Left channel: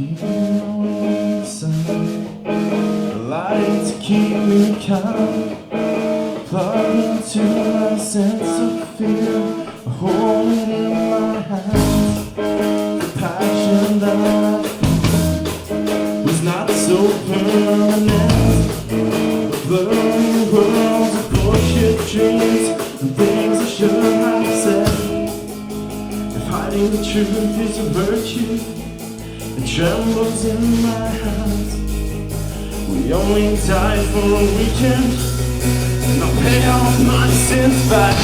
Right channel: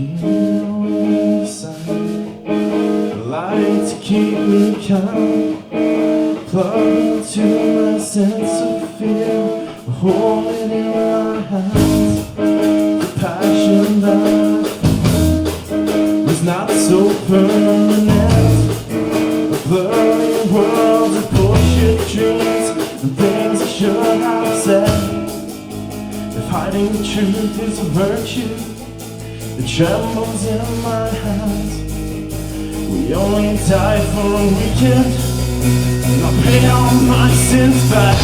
keep you on the side. I like to keep you calm, plug into my sense of fear, hold it in my hands. The passion that was not so permanent, the blurry worlds of bullshit dreams, the things I should have said. If hiding the truth is a virtue, it trembles in my hands. We only die for a weekend, and I'll pay all my sins back.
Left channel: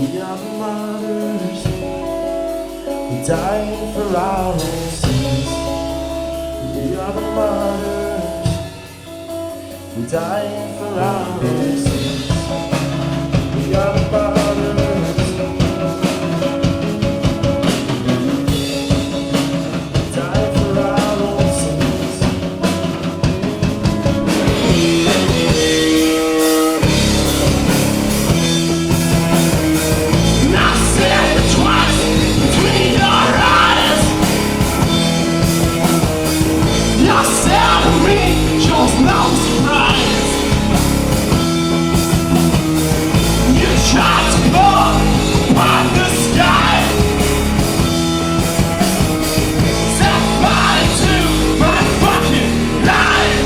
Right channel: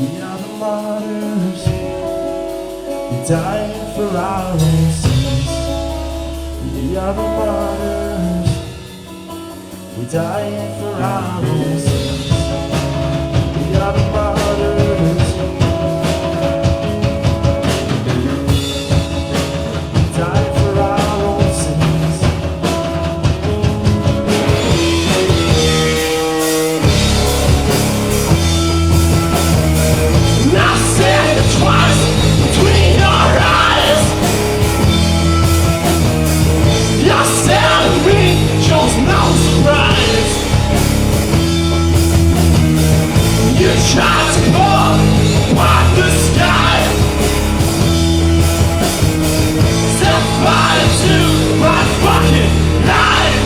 We are the martyrs, we die for our own sins. We are the martyrs, we die for our own sins. We are the martyrs, we die for our own sins. And I said it twice between our eyes. Your salary shows no surprise. You tried to look at the sky, set fire to my fucking life.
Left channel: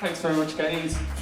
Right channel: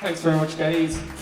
Thanks very much, guys.